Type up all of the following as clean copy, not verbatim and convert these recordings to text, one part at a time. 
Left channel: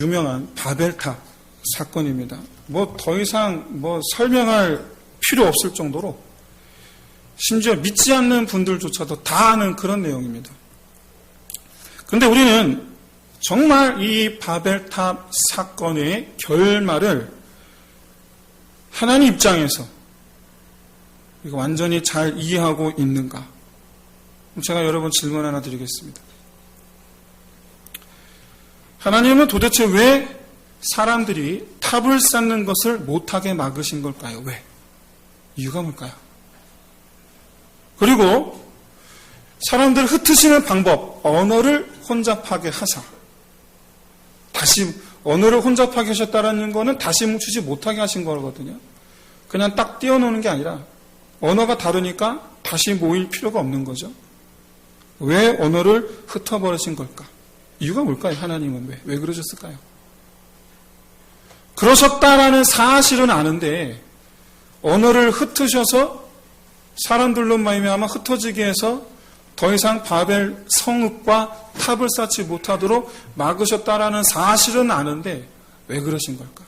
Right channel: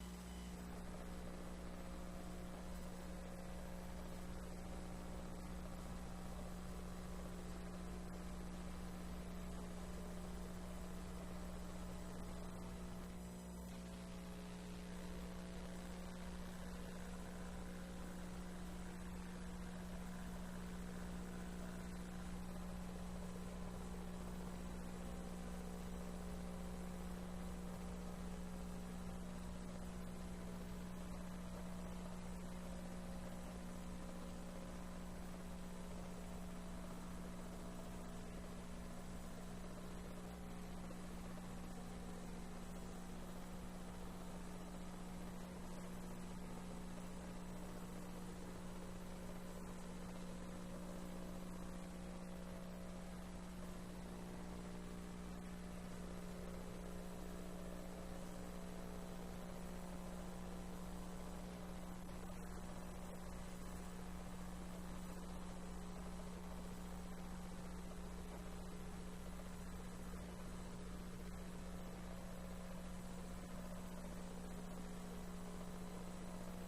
유명한 바벨탑 사건입니다. 더 이상 설명할 필요 없을 정도로 심지어 믿지 않는 분들조차도 다 아는 그런 내용입니다. 그런데 우리는 정말 이 바벨탑 사건의 결말을 하나님 입장에서 이거 완전히 잘 이해하고 있는가? 제가 여러분 질문 하나 드리겠습니다. 하나님은 도대체 왜 사람들이 탑을 쌓는 것을 못하게 막으신 걸까요? 왜? 이유가 뭘까요? 그리고 사람들을 흩으시는 방법, 언어를 혼잡하게 하사. 다시 언어를 혼잡하게 하셨다는 것은 다시 뭉치지 못하게 하신 거거든요. 그냥 딱 띄워놓는 게 아니라 언어가 다르니까 다시 모일 필요가 없는 거죠. 왜 언어를 흩어버리신 걸까? 이유가 뭘까요? 하나님은 왜 그러셨을까요? 그러셨다라는 사실은 아는데 언어를 흩으셔서 사람들로 말미암아 흩어지게 해서 더 이상 바벨 성읍과 탑을 쌓지 못하도록 막으셨다라는 사실은 아는데 왜 그러신 걸까?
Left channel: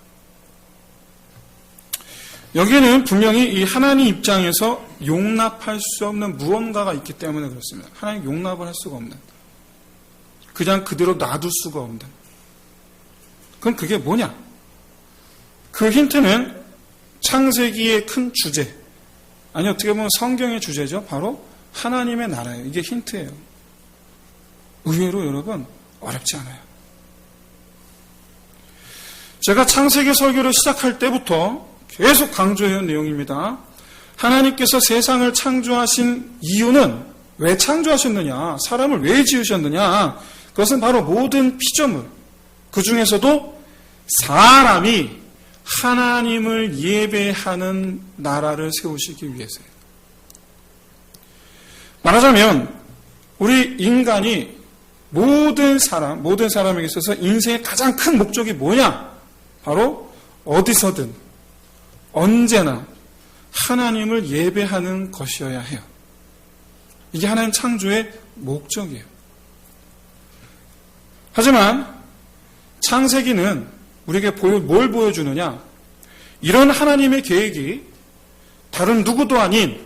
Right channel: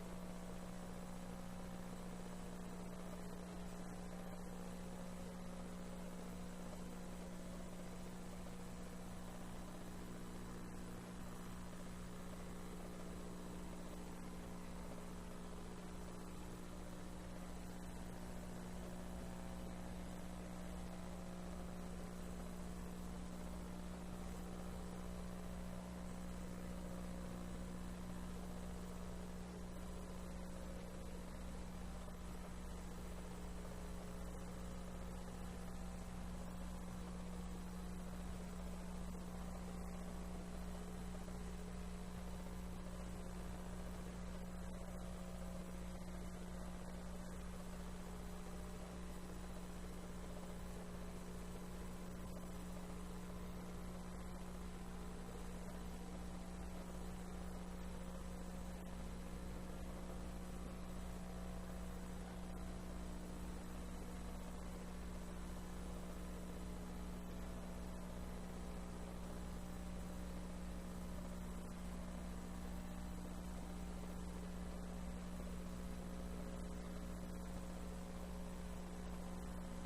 여기에는 분명히 이 하나님 입장에서 용납할 수 없는 무언가가 있기 때문에 그렇습니다. 하나님 용납을 할 수가 없는, 그냥 그대로 놔둘 수가 없는. 그럼 그게 뭐냐? 그 힌트는 창세기의 큰 주제, 아니 어떻게 보면 성경의 주제죠. 바로 하나님의 나라예요. 이게 힌트예요. 의외로 여러분 어렵지 않아요. 제가 창세기 설교를 시작할 때부터 계속 강조해온 내용입니다. 하나님께서 세상을 창조하신 이유는 왜 창조하셨느냐? 사람을 왜 지으셨느냐? 그것은 바로 모든 피조물, 그 중에서도 사람이 하나님을 예배하는 나라를 세우시기 위해서예요. 말하자면 우리 인간이 모든 사람에게 있어서 인생의 가장 큰 목적이 뭐냐? 바로 어디서든 언제나 하나님을 예배하는 것이어야 해요. 이게 하나님 창조의 목적이에요. 하지만 창세기는 우리에게 뭘 보여주느냐? 이런 하나님의 계획이 다른 누구도 아닌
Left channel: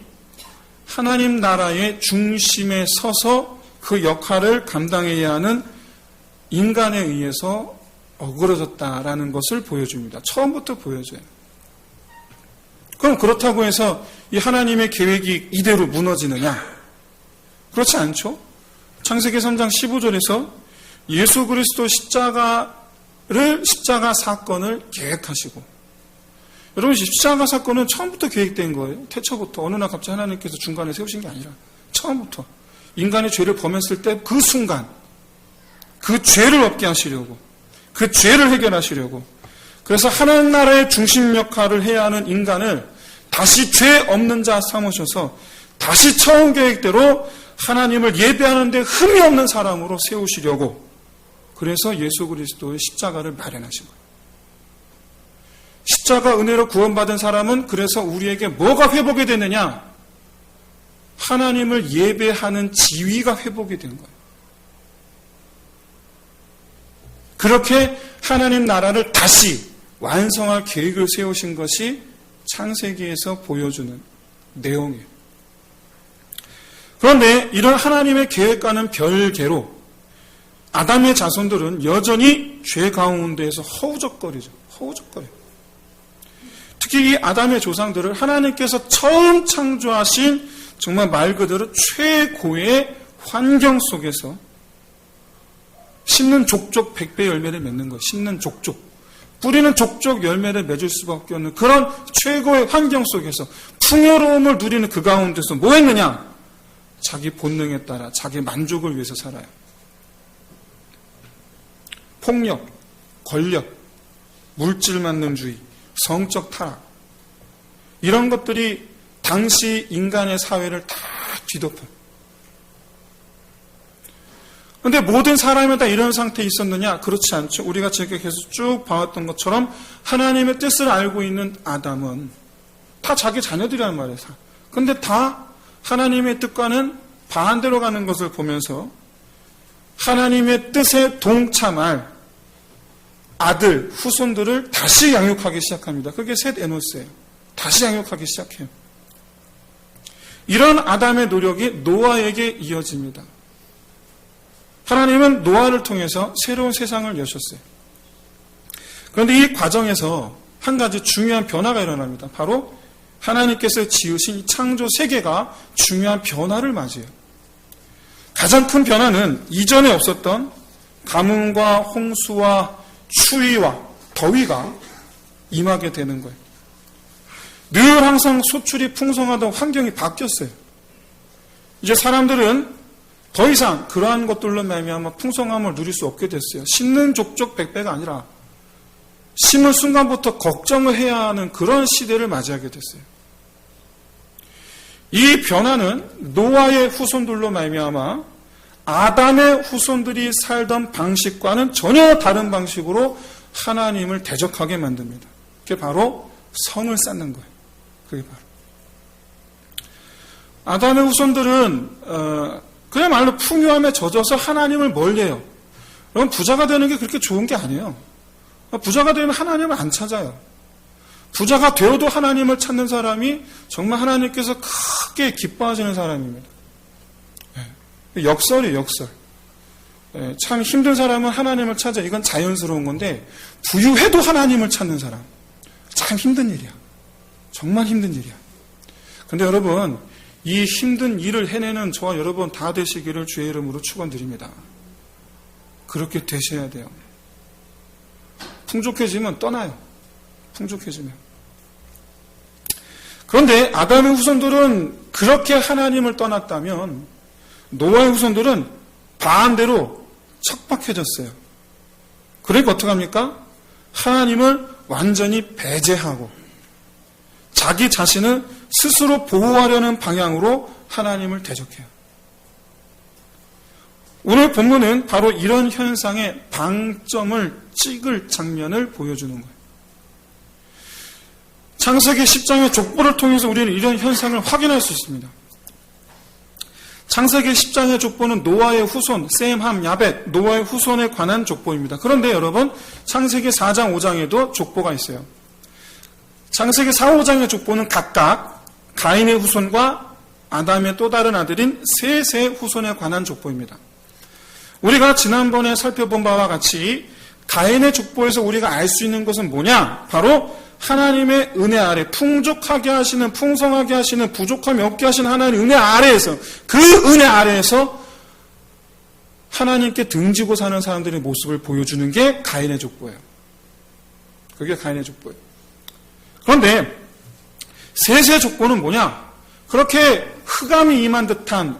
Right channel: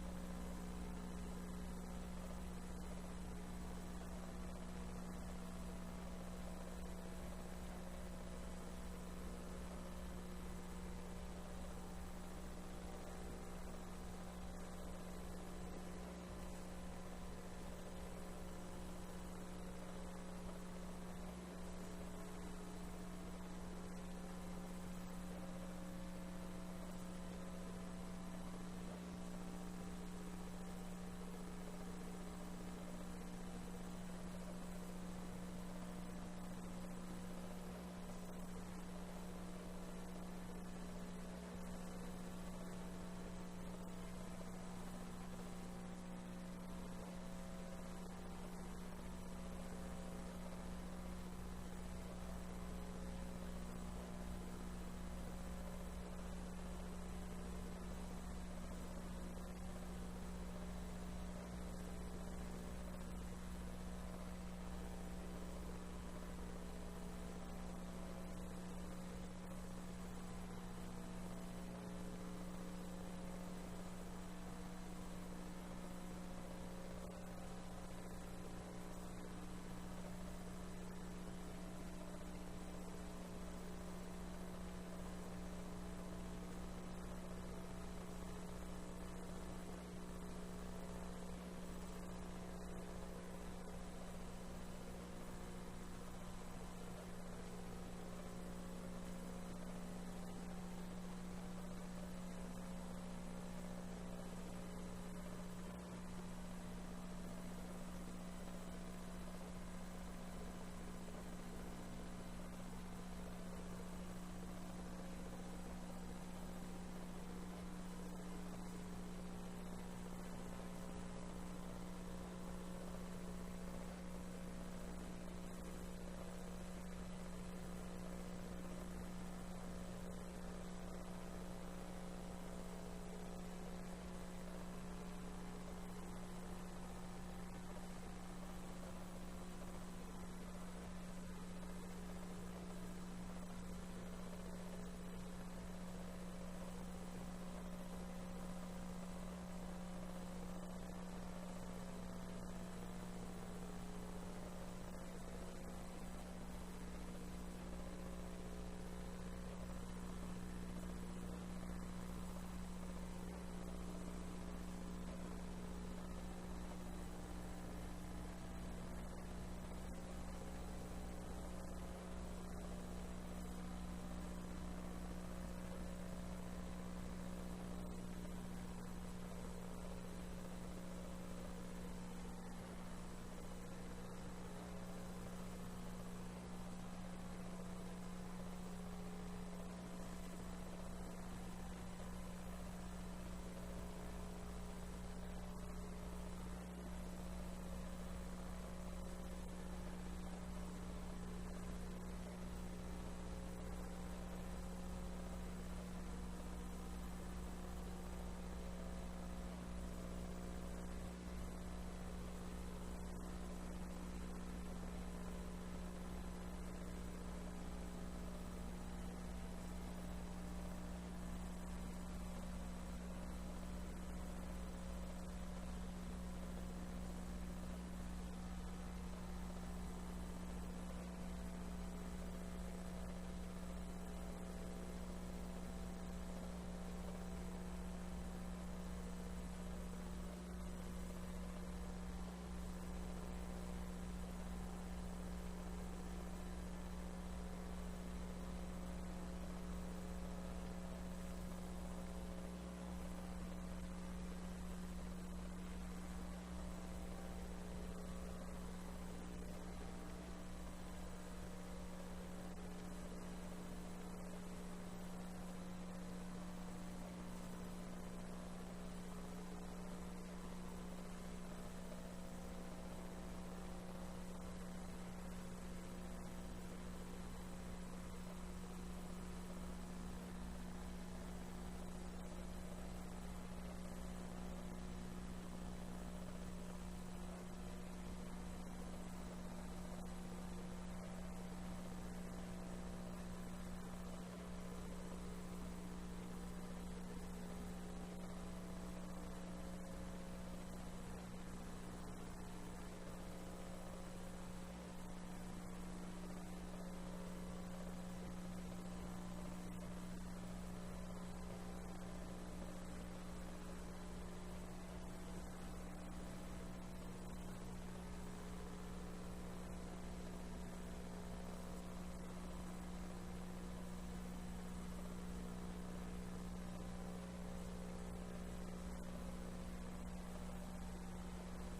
하나님 나라의 중심에 서서 그 역할을 감당해야 하는 인간에 의해서 어그러졌다라는 것을 보여줍니다. 처음부터 보여줘요. 그럼 그렇다고 해서 이 하나님의 계획이 이대로 무너지느냐? 그렇지 않죠? 창세기 3장 15절에서 예수 그리스도 십자가 사건을 계획하시고, 여러분 십자가 사건은 처음부터 계획된 거예요. 태초부터. 어느 날 갑자기 하나님께서 중간에 세우신 게 아니라 처음부터 인간의 죄를 범했을 때 그 순간 그 죄를 없게 하시려고, 그 죄를 해결하시려고, 그래서 하나님 나라의 중심 역할을 해야 하는 인간을 다시 죄 없는 자 삼으셔서 다시 처음 계획대로 하나님을 예배하는 데 흠이 없는 사람으로 세우시려고, 그래서 예수 그리스도의 십자가를 마련하신 거예요. 십자가 은혜로 구원받은 사람은 그래서 우리에게 뭐가 회복이 되느냐? 하나님을 예배하는 지위가 회복이 된 거예요. 그렇게 하나님 나라를 다시 완성할 계획을 세우신 것이 창세기에서 보여주는 내용이에요. 그런데 이런 하나님의 계획과는 별개로 아담의 자손들은 여전히 죄 가운데에서 허우적거리죠. 허우적거려요. 특히 이 아담의 조상들을 하나님께서 처음 창조하신 정말 말 그대로 최고의 환경 속에서 심는 족족 100배 열매를 맺는 거예요. 심는 족족. 뿌리는 족족 열매를 맺을 수밖에 없는 그런 최고의 환경 속에서 풍요로움을 누리는 그 가운데서 뭐 했느냐? 자기 본능에 따라 자기 만족을 위해서 살아요. 폭력, 권력, 물질 만능주의, 성적 타락, 이런 것들이 당시 인간의 사회를 다 뒤덮어요. 그런데 모든 사람이 다 이런 상태에 있었느냐? 그렇지 않죠. 우리가 지금 계속 쭉 봐왔던 것처럼 하나님의 뜻을 알고 있는 아담은 다 자기 자녀들이란 말이에요. 그런데 다 하나님의 뜻과는 반대로 가는 것을 보면서 하나님의 뜻에 동참할 아들, 후손들을 다시 양육하기 시작합니다. 그게 셋 에노스예요. 다시 양육하기 시작해요. 이런 아담의 노력이 노아에게 이어집니다. 하나님은 노아를 통해서 새로운 세상을 여셨어요. 그런데 이 과정에서 한 가지 중요한 변화가 일어납니다. 바로 하나님께서 지으신 창조 세계가 중요한 변화를 맞이해요. 가장 큰 변화는 이전에 없었던 가뭄과 홍수와 추위와 더위가 임하게 되는 거예요. 늘 항상 소출이 풍성하던 환경이 바뀌었어요. 이제 사람들은 더 이상 그러한 것들로 말미암아 풍성함을 누릴 수 없게 됐어요. 심는 족족 백배가 아니라 심을 순간부터 걱정을 해야 하는 그런 시대를 맞이하게 됐어요. 이 변화는 노아의 후손들로 말미암아 아담의 후손들이 살던 방식과는 전혀 다른 방식으로 하나님을 대적하게 만듭니다. 그게 바로 성을 쌓는 거예요. 그게 바로 아담의 후손들은 그야말로 풍요함에 젖어서 하나님을 멀리해요. 그럼 부자가 되는 게 그렇게 좋은 게 아니에요. 부자가 되면 하나님을 안 찾아요. 부자가 되어도 하나님을 찾는 사람이 정말 하나님께서 크게 기뻐하시는 사람입니다. 역설이에요, 역설. 참 힘든 사람은 하나님을 찾아. 이건 자연스러운 건데 부유해도 하나님을 찾는 사람. 참 힘든 일이야. 정말 힘든 일이야. 그런데 여러분, 이 힘든 일을 해내는 저와 여러분 다 되시기를 주의 이름으로 축원드립니다. 그렇게 되셔야 돼요. 풍족해지면 떠나요. 풍족해지면. 그런데 아담의 후손들은 그렇게 하나님을 떠났다면 노아의 후손들은 반대로 척박해졌어요. 그러니까 어떡합니까? 하나님을 완전히 배제하고 자기 자신을 스스로 보호하려는 방향으로 하나님을 대적해요. 오늘 본문은 바로 이런 현상의 방점을 찍을 장면을 보여주는 거예요. 창세기 10장의 족보를 통해서 우리는 이런 현상을 확인할 수 있습니다. 창세기 10장의 족보는 노아의 후손, 셈, 함, 야벳, 노아의 후손에 관한 족보입니다. 그런데 여러분, 창세기 4장, 5장에도 족보가 있어요. 창세기 4, 5장의 족보는 각각 가인의 후손과 아담의 또 다른 아들인 셋의 후손에 관한 족보입니다. 우리가 지난번에 살펴본 바와 같이 가인의 족보에서 우리가 알 수 있는 것은 뭐냐? 바로 하나님의 은혜 아래 풍족하게 하시는, 풍성하게 하시는, 부족함이 없게 하시는 하나님의 은혜 아래에서, 그 은혜 아래에서 하나님께 등지고 사는 사람들의 모습을 보여주는 게 가인의 족보예요. 그게 가인의 족보예요. 그런데 셋의 족보는 뭐냐? 그렇게 흑암이 임한 듯한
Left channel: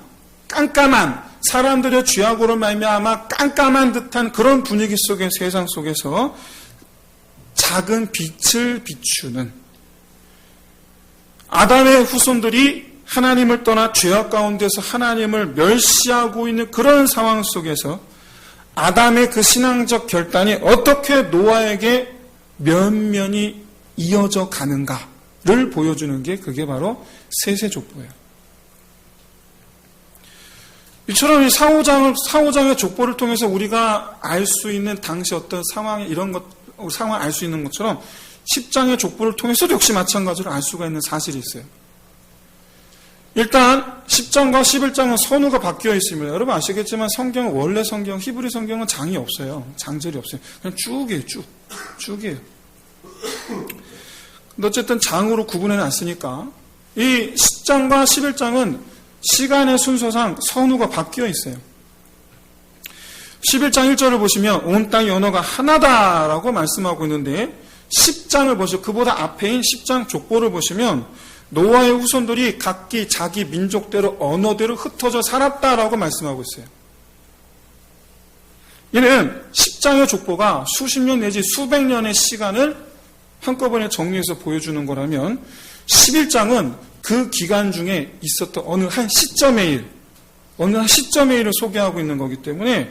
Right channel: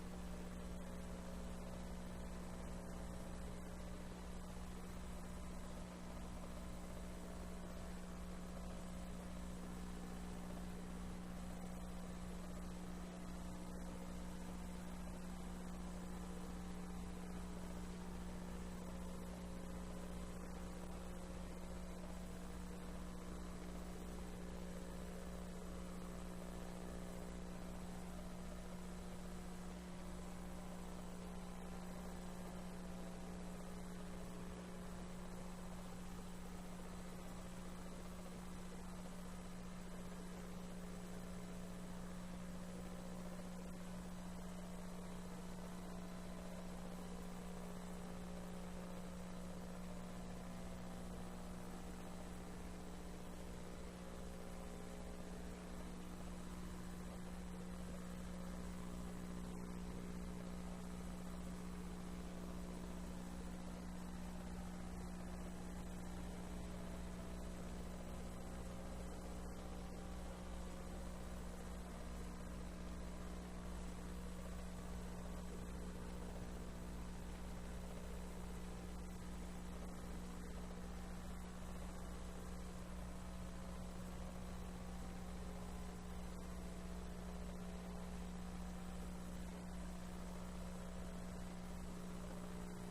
깜깜한, 사람들의 죄악으로 말미암아 깜깜한 듯한 그런 분위기 속의 세상 속에서 작은 빛을 비추는 아담의 후손들이 하나님을 떠나 죄악 가운데서 하나님을 멸시하고 있는 그런 상황 속에서 아담의 그 신앙적 결단이 어떻게 노아에게 면면이 이어져 가는가를 보여주는 게 그게 바로 셋의 족보예요. 이처럼 이 4, 5장의 족보를 통해서 우리가 알 수 있는 당시 어떤 상황, 이런 것, 상황을 알 수 있는 것처럼 10장의 족보를 통해서도 역시 마찬가지로 알 수가 있는 사실이 있어요. 일단 10장과 11장은 선우가 바뀌어 있습니다. 여러분 아시겠지만 성경은 원래 성경, 히브리 성경은 장이 없어요. 장절이 없어요. 그냥 쭉이에요. 쭉이에요. 근데 어쨌든 장으로 구분해 놨으니까 이 10장과 11장은 시간의 순서상 선우가 바뀌어 있어요. 11장 1절을 보시면 온 땅의 언어가 하나다라고 말씀하고 있는데 10장을 보시고 그보다 앞에인 10장 족보를 보시면 노아의 후손들이 각기 자기 민족대로 언어대로 흩어져 살았다라고 말씀하고 있어요. 이는 10장의 족보가 수십 년 내지 수백 년의 시간을 한꺼번에 정리해서 보여주는 거라면 11장은 그 기간 중에 있었던 어느 한 시점의 일을 소개하고 있는 거기 때문에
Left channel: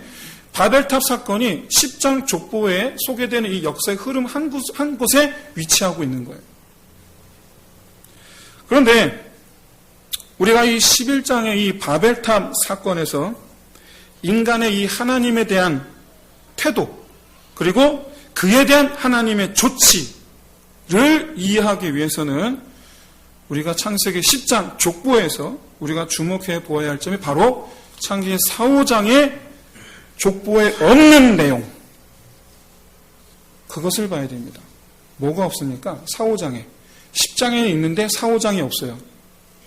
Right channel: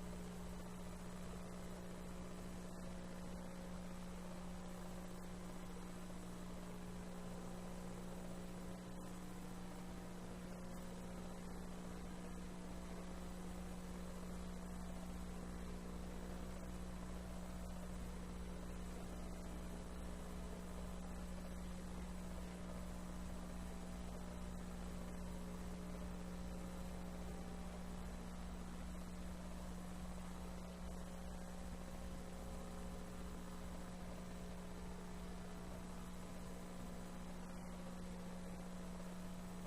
바벨탑 사건이 10장 족보에 소개되는 이 역사의 흐름 한 곳에 위치하고 있는 거예요. 그런데 우리가 이 11장의 이 바벨탑 사건에서 인간의 이 하나님에 대한 태도, 그리고 그에 대한 하나님의 조치를 이해하기 위해서는 우리가 창세기 10장 족보에서 우리가 주목해 보아야 할 점이 바로 창세기 4, 5장의 족보에 없는 내용, 그것을 봐야 됩니다. 뭐가 없습니까? 4, 5장에. 10장에는 있는데 4, 5장이 없어요.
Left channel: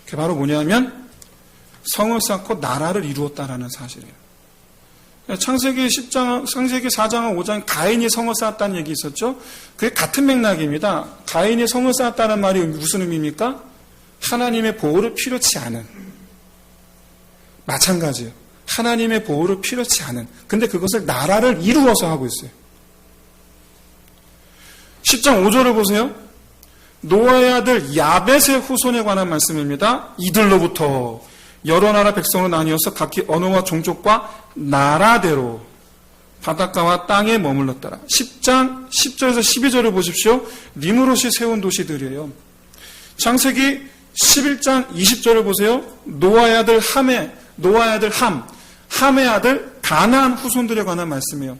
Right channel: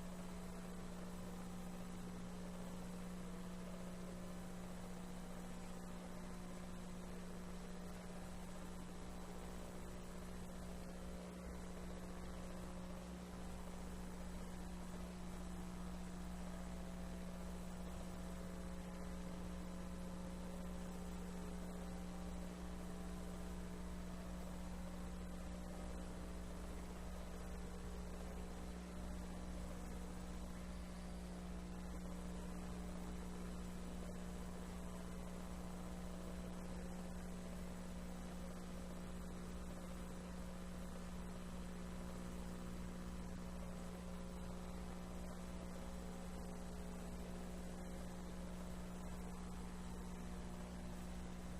그게 바로 뭐냐면 성을 쌓고 나라를 이루었다라는 사실이에요. 창세기 10장, 창세기 4장과 5장 가인이 성을 쌓았다는 얘기 있었죠? 그게 같은 맥락입니다. 가인이 성을 쌓았다는 말이 무슨 의미입니까? 하나님의 보호를 필요치 않은. 마찬가지예요. 하나님의 보호를 필요치 않은. 근데 그것을 나라를 이루어서 하고 있어요. 10장 5절을 보세요. 노아의 아들 야벳의 후손에 관한 말씀입니다. 이들로부터 여러 나라 백성으로 나뉘어서 각기 언어와 종족과 나라대로 바닷가와 땅에 머물렀더라. 10장 10절에서 12절을 보십시오. 니므롯이 세운 도시들이에요. 창세기 11장 20절을 보세요. 노아의 아들 함의 함의 아들 가나안 후손들에 관한 말씀이에요.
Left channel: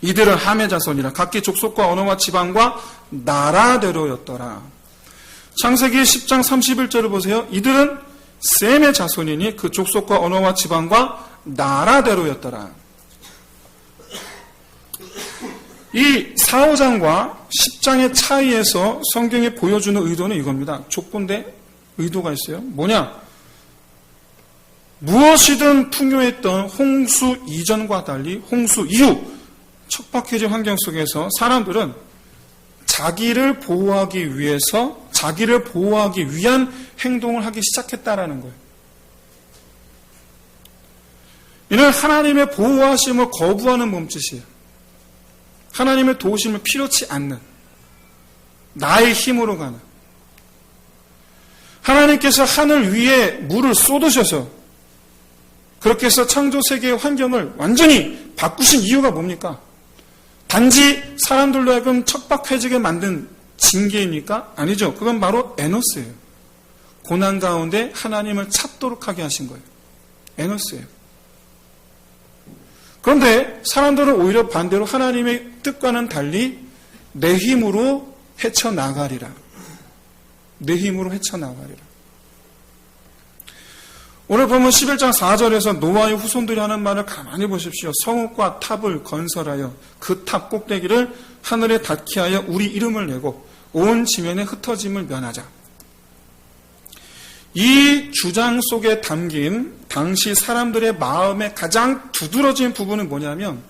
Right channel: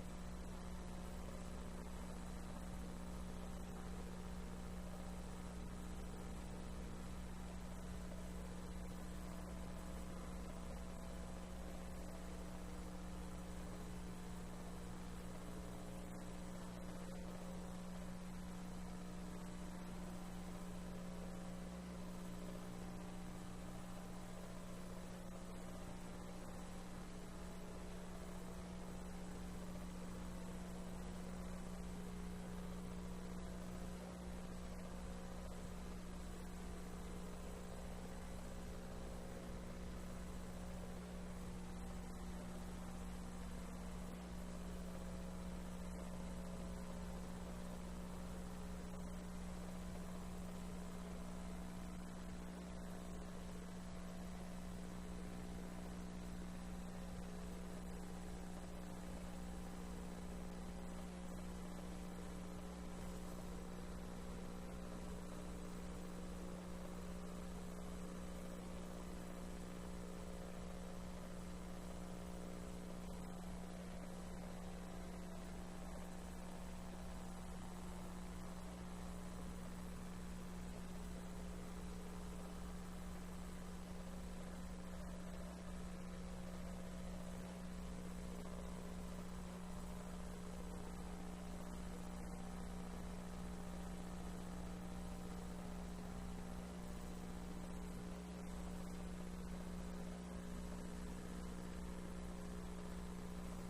이들은 함의 자손이라 각기 족속과 언어와 지방과 나라대로였더라. 창세기 10장 31절을 보세요. 이들은 셈의 자손이니 그 족속과 언어와 지방과 나라대로였더라. 이 4, 5장과 10장의 차이에서 성경이 보여주는 의도는 이겁니다. 족보인데 의도가 있어요. 뭐냐? 무엇이든 풍요했던 홍수 이전과 달리 홍수 이후 척박해진 환경 속에서 사람들은 자기를 보호하기 위해서 자기를 보호하기 위한 행동을 하기 시작했다라는 거예요. 이는 하나님의 보호하심을 거부하는 몸짓이에요. 하나님의 도우심을 필요치 않는 나의 힘으로 가는 하나님께서 하늘 위에 물을 쏟으셔서 그렇게 해서 창조세계의 환경을 완전히 바꾸신 이유가 뭡니까? 단지 사람들로 하여금 척박해지게 만든 징계입니까? 아니죠. 그건 바로 에노스예요. 고난 가운데 하나님을 찾도록 하게 하신 거예요. 에노스예요. 그런데 사람들은 오히려 반대로 하나님의 뜻과는 달리 내 힘으로 헤쳐나가리라. 내 힘으로 헤쳐나가리라. 오늘 보면 11장 4절에서 노아의 후손들이 하는 말을 가만히 보십시오. 성읍과 탑을 건설하여 그 탑 꼭대기를 하늘에 닿게 하여 우리 이름을 내고 온 지면에 흩어짐을 면하자. 이 주장 속에 담긴 당시 사람들의 마음에 가장 두드러진 부분은 뭐냐면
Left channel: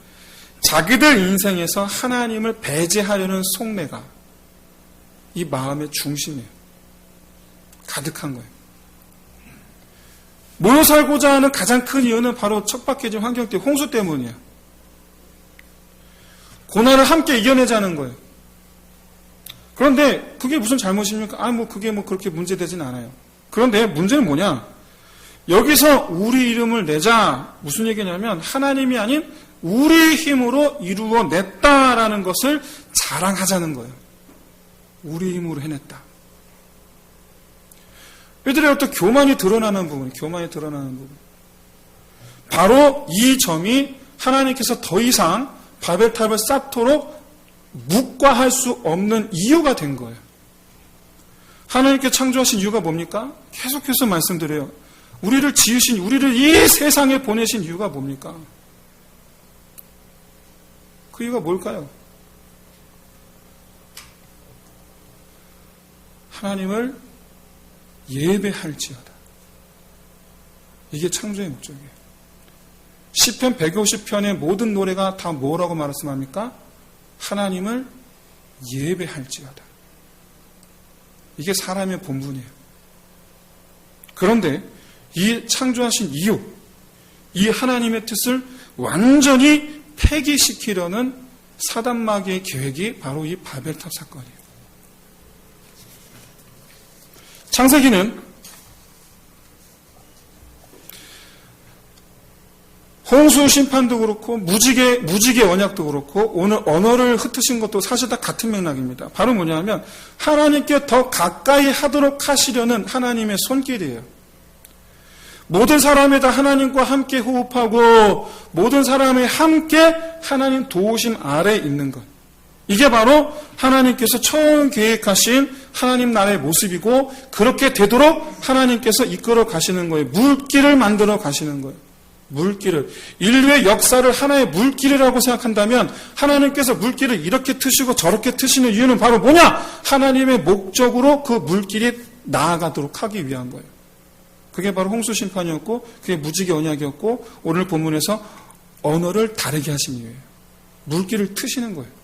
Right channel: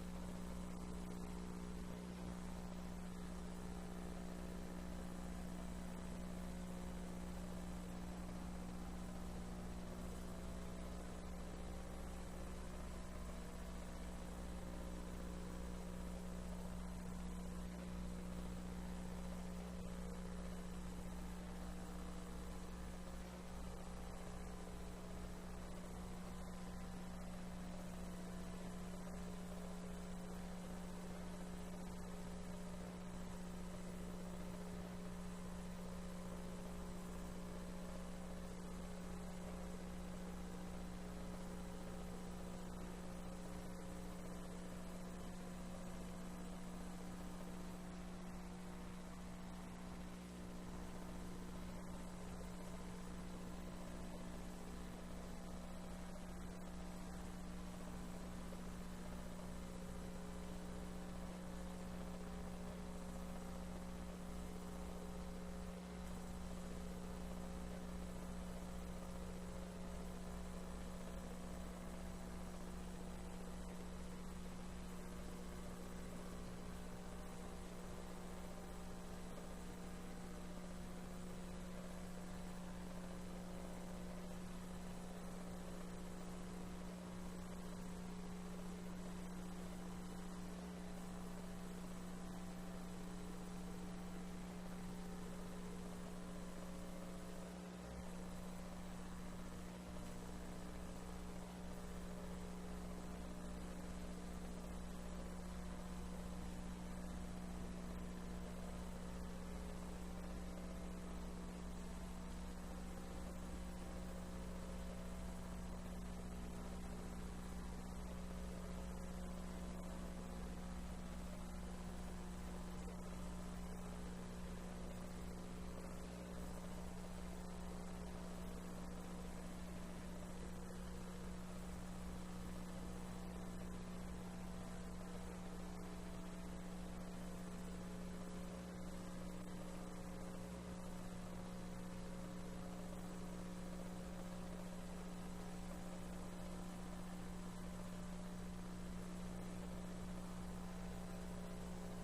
자기들 인생에서 하나님을 배제하려는 속내가 이 마음의 중심에 가득한 거예요. 모여 살고자 하는 가장 큰 이유는 바로 척박해진 환경 때문에 홍수 때문이에요. 고난을 함께 이겨내자는 거예요. 그런데 그게 무슨 잘못입니까? 그게 그렇게 문제되진 않아요. 그런데 문제는 뭐냐? 여기서 우리 이름을 내자 무슨 얘기냐면 하나님이 아닌 우리 힘으로 이루어냈다라는 것을 자랑하자는 거예요. 우리 힘으로 해냈다. 이들의 어떤 교만이 드러나는 부분. 바로 이 점이 하나님께서 더 이상 바벨탑을 쌓도록 묵과할 수 없는 이유가 된 거예요. 하나님께 창조하신 이유가 뭡니까? 계속해서 말씀드려요. 우리를 지으신, 우리를 이 세상에 보내신 이유가 뭡니까? 그 이유가 뭘까요? 하나님을 예배할지어다. 이게 창조의 목적이에요. 시편 150편의 모든 노래가 다 뭐라고 말씀합니까? 하나님을 예배할지어다. 이게 사람의 본분이에요. 그런데 이 창조하신 이유, 이 하나님의 뜻을 완전히 폐기시키려는 사단마귀의 계획이 바로 이 바벨탑 사건이에요. 창세기는 홍수 심판도 그렇고 무지개 언약도 그렇고 오늘 언어를 흩으신 것도 사실 다 같은 맥락입니다. 바로 뭐냐면 하나님께 더 가까이 하도록 하시려는 하나님의 손길이에요. 모든 사람이 다 하나님과 함께 호흡하고 모든 사람이 함께 하나님 도우심 아래에 있는 것. 이게 바로 하나님께서 처음 계획하신 하나님 나라의 모습이고 그렇게 되도록 하나님께서 이끌어 가시는 거예요. 물길을 만들어 가시는 거예요. 물길을. 인류의 역사를 하나의 물길이라고 생각한다면 하나님께서 물길을 이렇게 트시고 저렇게 트시는 이유는 바로 뭐냐? 하나님의 목적으로 그 물길이 나아가도록 하기 위한 거예요. 그게 바로 홍수 심판이었고 그게 무지개 언약이었고 오늘 본문에서 언어를 다르게 하신 이유예요. 물길을 트시는 거예요.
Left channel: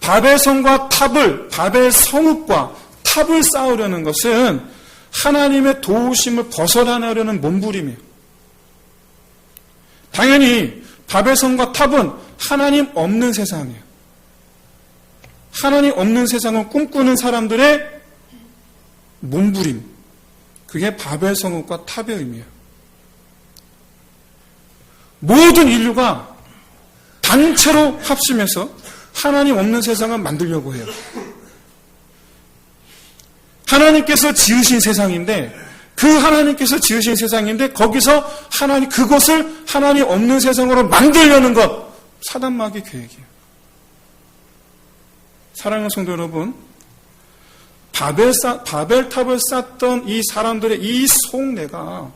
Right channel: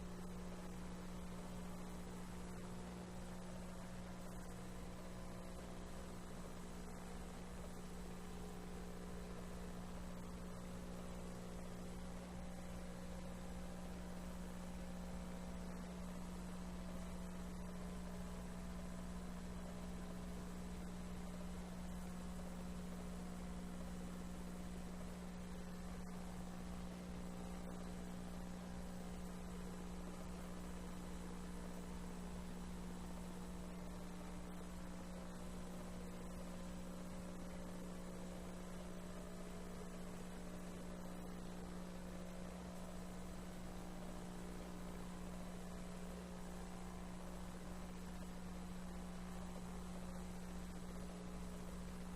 바벨성과 바벨 성읍과 탑을 쌓으려는 것은 하나님의 도우심을 벗어나려는 몸부림이에요. 당연히 바벨성과 탑은 하나님 없는 세상이에요. 하나님 없는 세상을 꿈꾸는 사람들의 몸부림. 그게 바벨성읍과 탑의 의미예요. 모든 인류가 단체로 합심해서 하나님 없는 세상을 만들려고 해요. 하나님께서 지으신 세상인데 그 하나님께서 지으신 세상인데 거기서 그것을 하나님 없는 세상으로 만들려는 것 사단마귀 계획이에요. 사랑하는 성도 여러분, 바벨탑을 쌓던 이 사람들의 이 속내가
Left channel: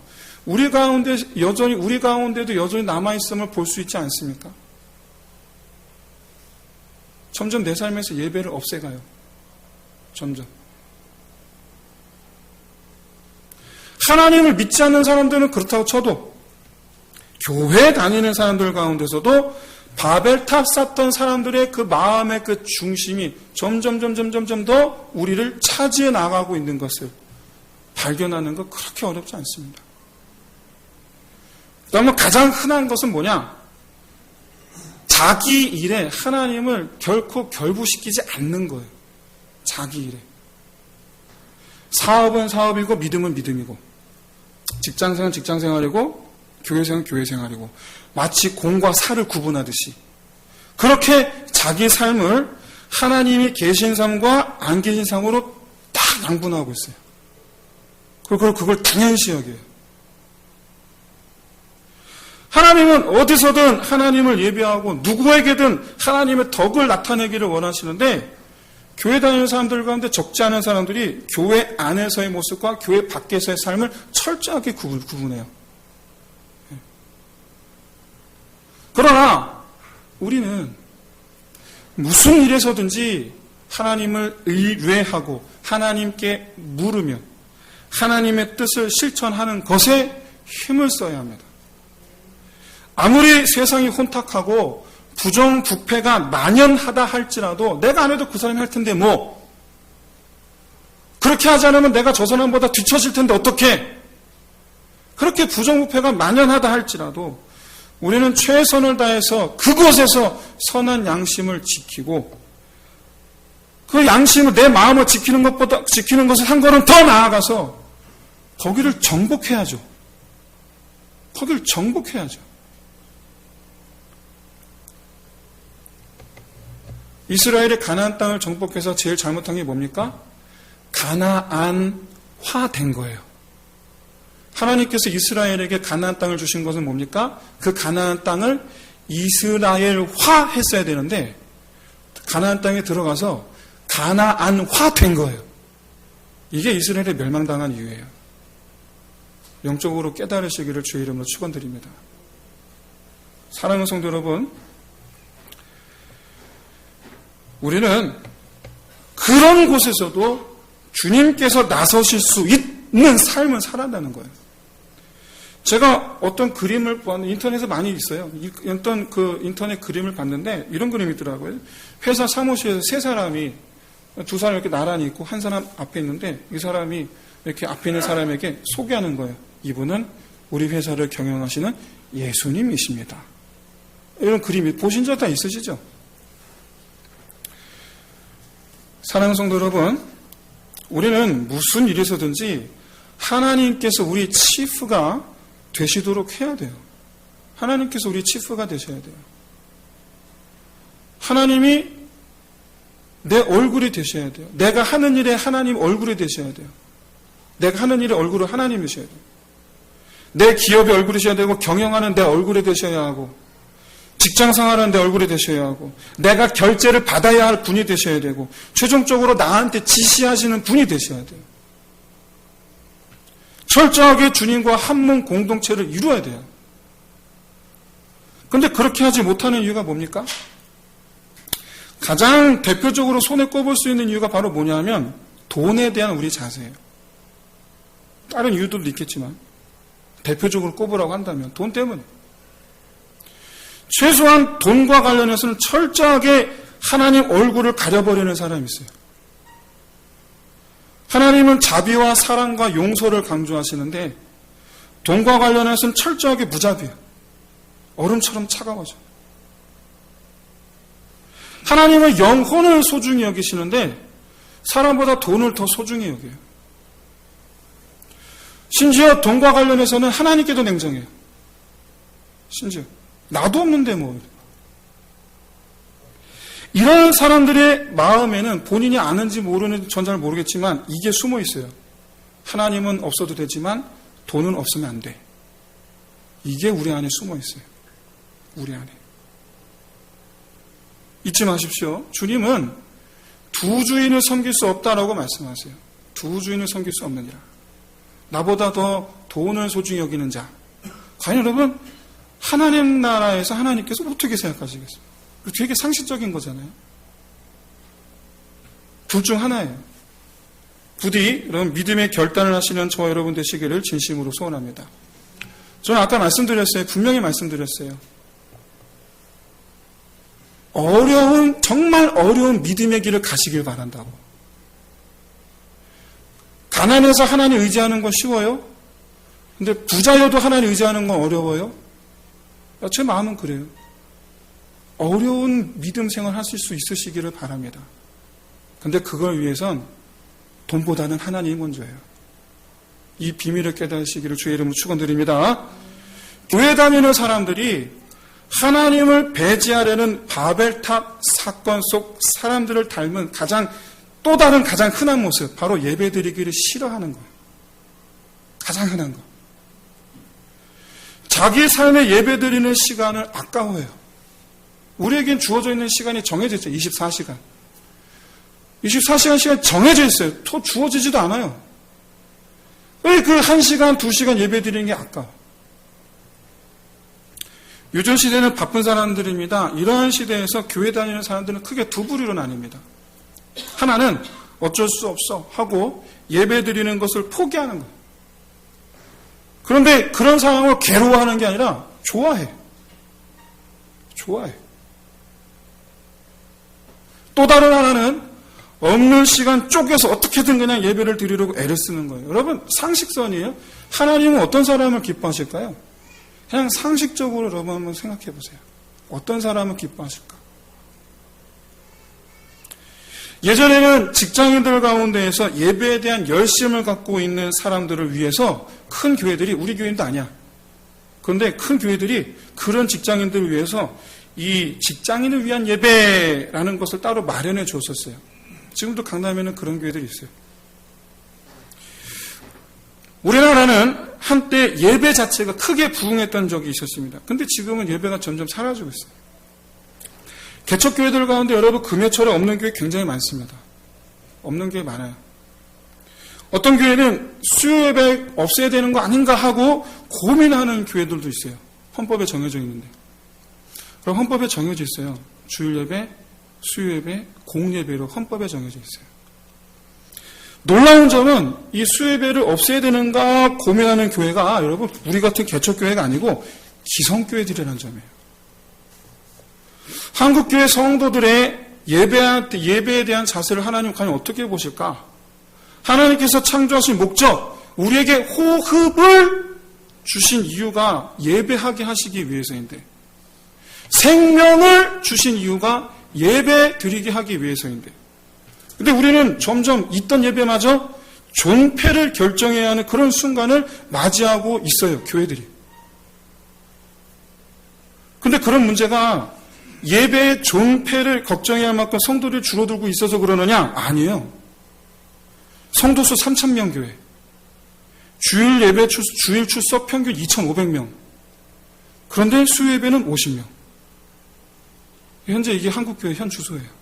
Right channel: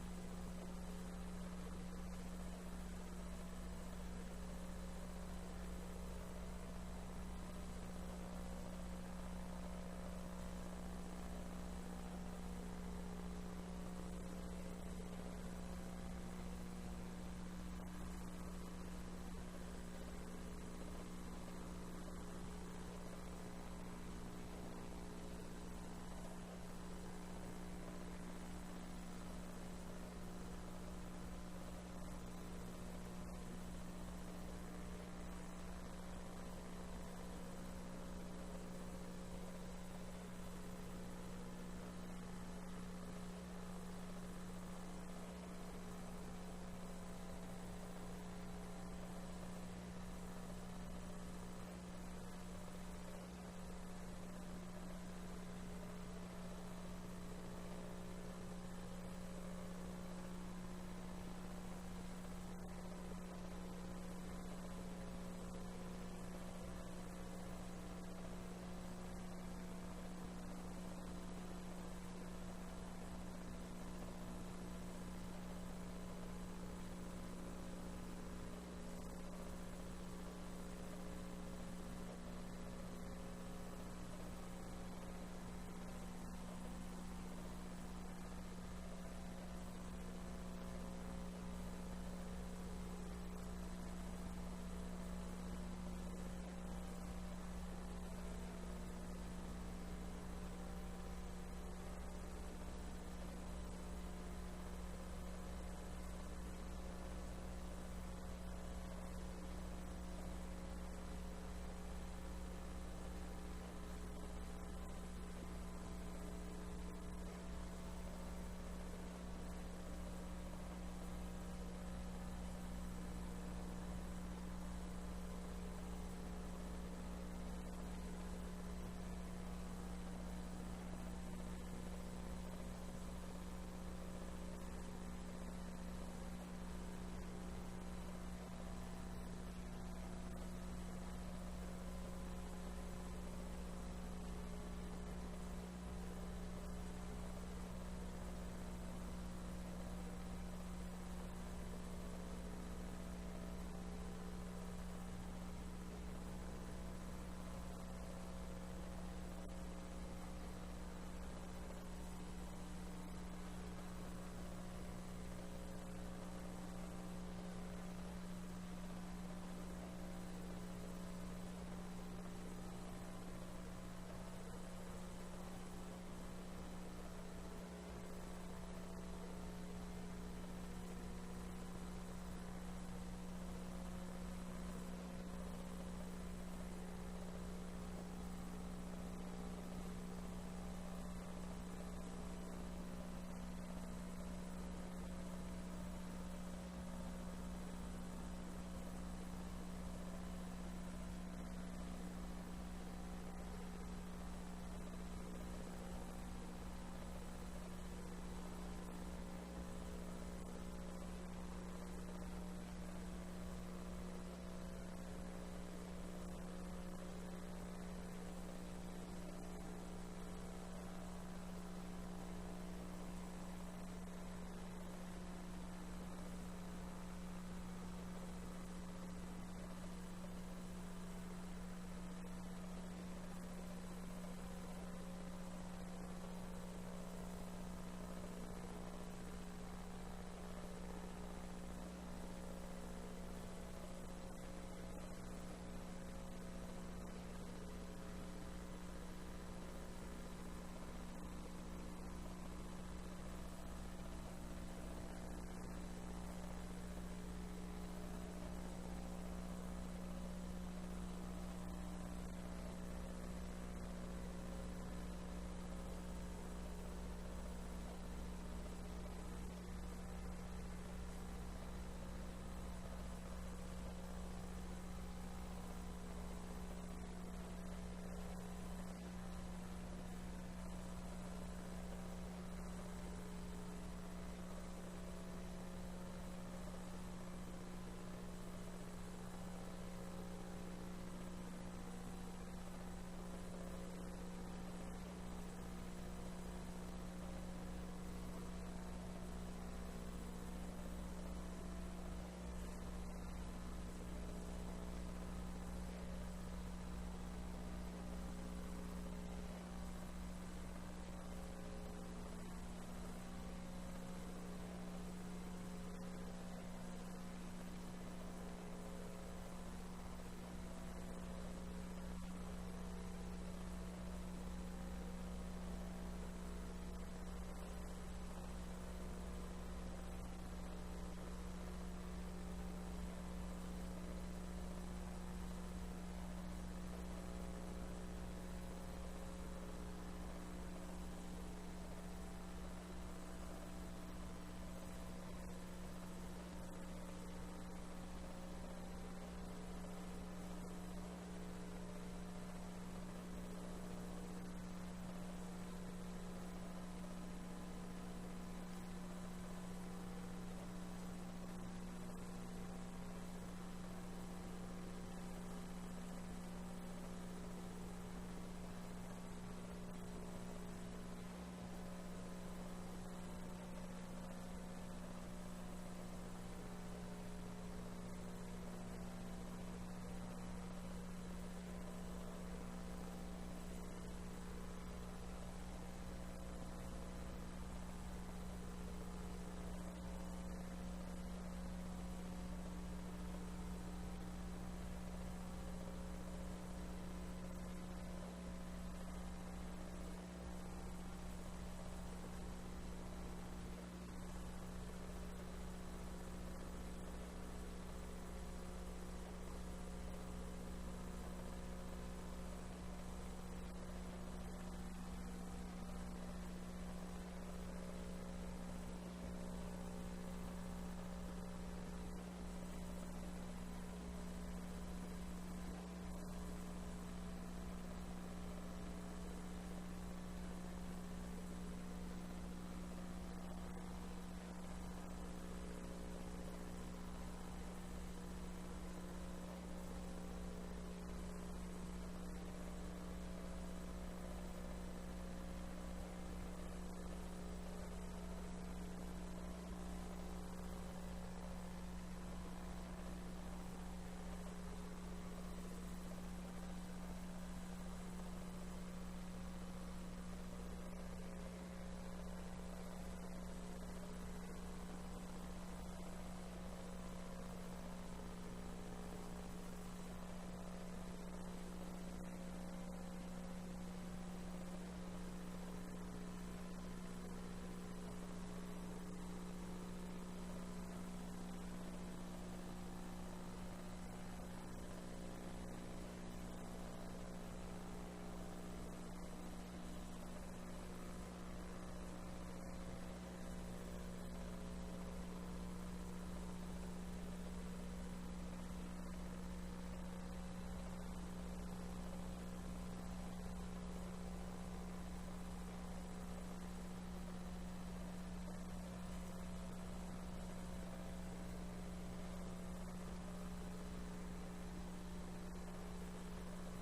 우리 가운데도 여전히 남아있음을 볼 수 있지 않습니까? 점점 내 삶에서 예배를 없애가요. 점점. 하나님을 믿지 않는 사람들은 그렇다고 쳐도 교회 다니는 사람들 가운데서도 바벨탑 쌓던 사람들의 그 마음의 그 중심이 점점 더 우리를 차지해 나가고 있는 것을 발견하는 것 그렇게 어렵지 않습니다. 그다음에 가장 흔한 것은 뭐냐? 자기 일에 하나님을 결코 결부시키지 않는 거예요. 자기 일에. 사업은 사업이고 믿음은 믿음이고 직장생활은 직장생활이고 교회생활은 교회생활이고 마치 공과 사를 구분하듯이 그렇게 자기 삶을 하나님이 계신 삶과 안 계신 삶으로 딱 양분하고 있어요. 그리고 그걸 당연시 여겨요. 하나님은 어디서든 하나님을 예배하고 누구에게든 하나님의 덕을 나타내기를 원하시는데 교회 다니는 사람들 가운데 적지 않은 사람들이 교회 안에서의 모습과 교회 밖에서의 삶을 철저하게 구분해요. 그러나 우리는 무슨 일에서든지 하나님을 의뢰하고 하나님께 물으며 하나님의 뜻을 실천하는 것에 힘을 써야 합니다. 아무리 세상이 혼탁하고 부정부패가 만연하다 할지라도 내가 안 해도 그 사람이 할 텐데 뭐 그렇게 하지 않으면 내가 저 사람보다 뒤처질 텐데 어떡해. 그렇게 부정부패가 만연하다 할지라도 우리는 최선을 다해서 그곳에서 선한 양심을 지키고 그 양심을 내 마음을 지키는 것을 한 걸음 더 나아가서 거기를 정복해야죠. 거기를 정복해야죠. 이스라엘이 가나안 땅을 정복해서 제일 잘못한 게 뭡니까? 가나안화된 거예요. 하나님께서 이스라엘에게 가나안 땅을 주신 것은 뭡니까? 그 가나안 땅을 이스라엘화 했어야 되는데 가나안 땅에 들어가서 가나안화 된 거예요. 이게 이스라엘이 멸망당한 이유예요. 영적으로 깨달으시기를 주의 이름으로 축원드립니다. 사랑하는 성도 여러분, 우리는 그런 곳에서도 주님께서 나서실 수 있는 삶을 살아가는 거예요. 제가 어떤 그림을 보았는데 인터넷에 많이 있어요. 어떤 그 인터넷 그림을 봤는데 이런 그림이 있더라고요. 회사 사무실에서 세 사람이 두 사람이 이렇게 나란히 있고 한 사람 앞에 있는데 이 사람이 이렇게 앞에 있는 사람에게 소개하는 거예요. 이분은 우리 회사를 경영하시는 예수님이십니다. 이런 그림이 보신 적 다 있으시죠? 사랑하는 성도 여러분, 우리는 무슨 일에서든지 하나님께서 우리 치프가 되시도록 해야 돼요. 하나님께서 우리 치프가 되셔야 돼요. 하나님이 내 얼굴이 되셔야 돼요. 내가 하는 일에 하나님 얼굴이 되셔야 돼요. 내가 하는 일의 얼굴은 하나님이셔야 돼요. 내 기업의 얼굴이셔야 되고 경영하는 내 얼굴이 되셔야 하고 직장 생활하는데 얼굴이 되셔야 하고, 내가 결제를 받아야 할 분이 되셔야 되고, 최종적으로 나한테 지시하시는 분이 되셔야 돼요. 철저하게 주님과 한 몸 공동체를 이루어야 돼요. 근데 그렇게 하지 못하는 이유가 뭡니까? 가장 대표적으로 손에 꼽을 수 있는 이유가 바로 뭐냐면 돈에 대한 우리 자세예요. 다른 이유들도 있겠지만 대표적으로 꼽으라고 한다면 돈 때문에. 최소한 돈과 관련해서는 철저하게 하나님 얼굴을 가려버리는 사람이 있어요. 하나님은 자비와 사랑과 용서를 강조하시는데 돈과 관련해서는 철저하게 무자비해요. 얼음처럼 차가워져. 하나님은 영혼을 소중히 여기시는데 사람보다 돈을 더 소중히 여겨요. 심지어 돈과 관련해서는 하나님께도 냉정해요. 심지어 나도 없는데 뭐. 이런 사람들의 마음에는 본인이 아는지 모르는지 전 잘 모르겠지만 이게 숨어 있어요. 하나님은 없어도 되지만 돈은 없으면 안 돼. 이게 우리 안에 숨어 있어요. 우리 안에. 잊지 마십시오. 주님은 두 주인을 섬길 수 없다라고 말씀하세요. 두 주인을 섬길 수 없느니라. 나보다 더 돈을 소중히 여기는 자. 과연 여러분, 하나님 나라에서 하나님께서 어떻게 생각하시겠어요? 되게 상식적인 거잖아요. 둘 중 하나예요. 부디 여러분 믿음의 결단을 하시는 저와 여러분 되시기를 진심으로 소원합니다. 저는 아까 말씀드렸어요. 분명히 말씀드렸어요. 정말 어려운 믿음의 길을 가시길 바란다고. 가난해서 하나님 의지하는 건 쉬워요? 근데 부자여도 하나님 의지하는 건 어려워요? 제 마음은 그래요. 어려운 믿음 생활 하실 수 있으시기를 바랍니다. 근데 그걸 위해선 돈보다는 하나님이 먼저예요. 이 비밀을 깨달으시기를 주의 이름으로 축원드립니다. 교회 다니는 사람들이 하나님을 배제하려는 바벨탑 사건 속 사람들을 닮은 또 다른 가장 흔한 모습, 바로 예배드리기를 싫어하는 거예요. 가장 흔한 거. 자기 삶의 예배드리는 시간을 아까워해요. 우리에겐 주어져 있는 시간이 정해져 있죠. 24시간. 24시간 시간이 정해져 있어요. 또 주어지지도 않아요. 왜 그 1시간, 2시간 예배 드리는 게 아까워? 요즘 시대는 바쁜 사람들입니다. 이러한 시대에서 교회 다니는 사람들은 크게 두 부류로 나뉩니다. 하나는 어쩔 수 없어 하고 예배 드리는 것을 포기하는 거예요. 그런데 그런 상황을 괴로워하는 게 아니라 좋아해. 좋아해. 또 다른 하나는 없는 시간 쪼개서 어떻게든 그냥 예배를 드리려고 애를 쓰는 거예요. 여러분, 상식선이에요. 하나님은 어떤 사람을 기뻐하실까요? 그냥 상식적으로 여러분 한번 생각해 보세요. 어떤 사람을 기뻐하실까? 예전에는 직장인들 가운데에서 예배에 대한 열심을 갖고 있는 사람들을 위해서 큰 교회들이, 우리 교회도 아니야. 그런데 큰 교회들이 그런 직장인들을 위해서 이 직장인을 위한 예배라는 것을 따로 마련해 줬었어요. 지금도 강남에는 그런 교회들이 있어요. 우리나라는 한때 예배 자체가 크게 부흥했던 적이 있었습니다. 근데 지금은 예배가 점점 사라지고 있어요. 개척교회들 가운데 여러분 금요철에 없는 교회 굉장히 많습니다. 없는 교회 많아요. 어떤 교회는 수요 예배 없애야 되는 거 아닌가 하고 고민하는 교회들도 있어요. 헌법에 정해져 있는데. 그럼 헌법에 정해져 있어요. 주일 예배, 수요 예배, 공예배로 헌법에 정해져 있어요. 놀라운 점은 이 수요 예배를 없애야 되는가 고민하는 교회가 여러분 우리 같은 개척교회가 아니고 기성교회들이라는 점이에요. 한국교회 성도들의 예배에 대한 자세를 하나님 과연 어떻게 보실까? 하나님께서 창조하신 목적, 우리에게 호흡을 주신 이유가 예배하게 하시기 위해서인데, 생명을 주신 이유가 예배 드리게 하기 위해서인데, 근데 우리는 점점 있던 예배마저 존폐를 결정해야 하는 그런 순간을 맞이하고 있어요, 교회들이. 근데 그런 문제가 예배의 존폐를 걱정해야 할 만큼 성도들이 줄어들고 있어서 그러느냐? 아니에요. 성도수 3,000명 교회. 주일 출석 평균 2,500명. 그런데 수요 예배는 50명. 현재 이게 한국교회 현 주소예요.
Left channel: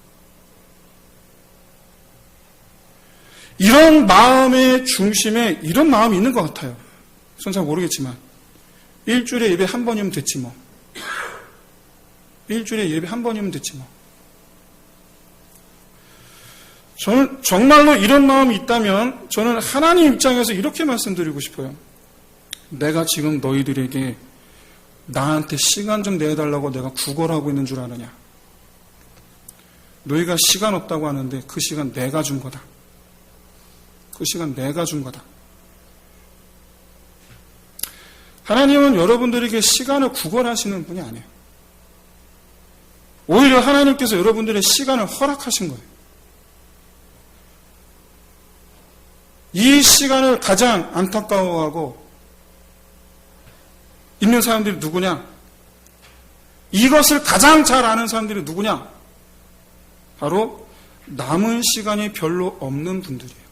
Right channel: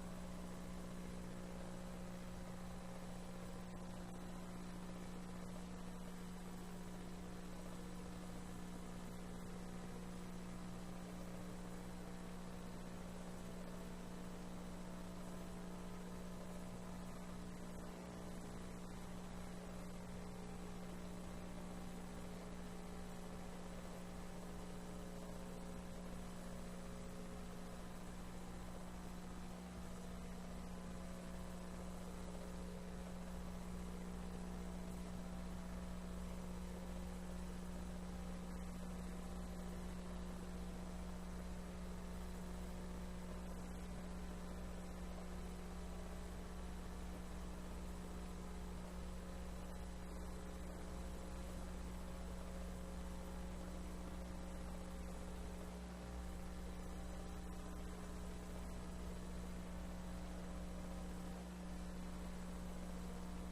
이런 마음의 중심에 이런 마음이 있는 것 같아요. 전 잘 모르겠지만 일주일에 예배 한 번이면 됐지 뭐. 일주일에 예배 한 번이면 됐지 뭐. 저는 정말로 이런 마음이 있다면 저는 하나님 입장에서 이렇게 말씀드리고 싶어요. 내가 지금 너희들에게 나한테 시간 좀 내달라고 내가 구걸하고 있는 줄 아느냐. 너희가 시간 없다고 하는데 그 시간 내가 준 거다. 그 시간 내가 준 거다. 하나님은 여러분들에게 시간을 구걸하시는 분이 아니에요. 오히려 하나님께서 여러분들의 시간을 허락하신 거예요. 이 시간을 가장 안타까워하고 있는 사람들이 누구냐? 이것을 가장 잘 아는 사람들이 누구냐? 바로 남은 시간이 별로 없는 분들이에요.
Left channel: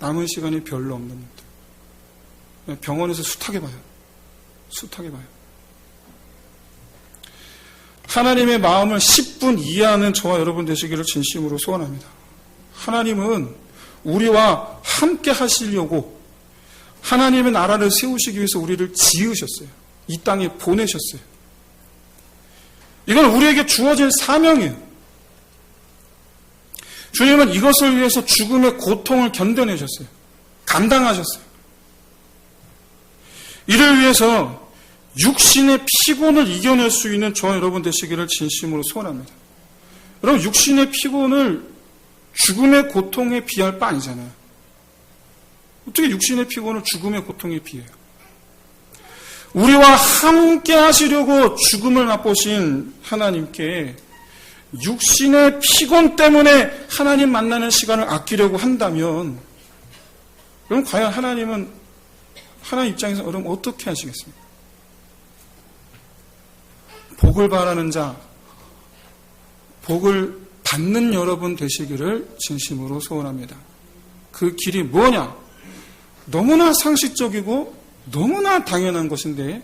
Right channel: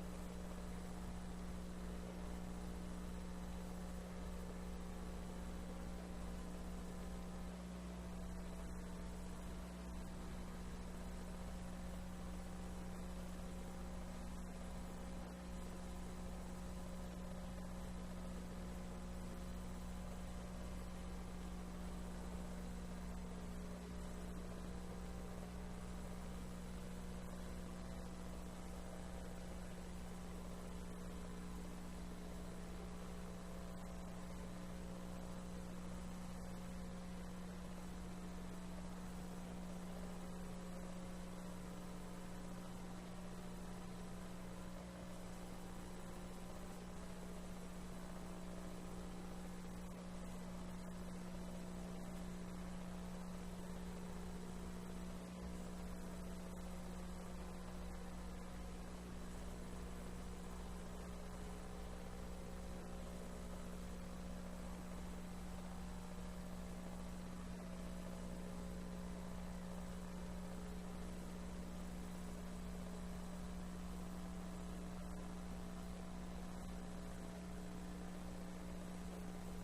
남은 시간이 별로 없는 분들. 병원에서 숱하게 봐요. 숱하게 봐요. 하나님의 마음을 10분 이해하는 저와 여러분 되시기를 진심으로 소원합니다. 하나님은 우리와 함께 하시려고 하나님의 나라를 세우시기 위해서 우리를 지으셨어요. 이 땅에 보내셨어요. 이건 우리에게 주어진 사명이에요. 주님은 이것을 위해서 죽음의 고통을 견뎌내셨어요. 감당하셨어요. 이를 위해서 육신의 피곤을 이겨낼 수 있는 저와 여러분 되시기를 진심으로 소원합니다. 여러분, 육신의 피곤을 죽음의 고통에 비할 바 아니잖아요. 어떻게 육신의 피곤을 죽음의 고통에 비해요? 우리와 함께 하시려고 죽음을 맛보신 하나님께 육신의 피곤 때문에 하나님 만나는 시간을 아끼려고 한다면, 그럼 과연 하나님은 하나님 입장에서 여러분 어떻게 하시겠습니까? 복을 바라는 자, 복을 받는 여러분 되시기를 진심으로 소원합니다. 그 길이 뭐냐? 너무나 상식적이고 너무나 당연한 것인데,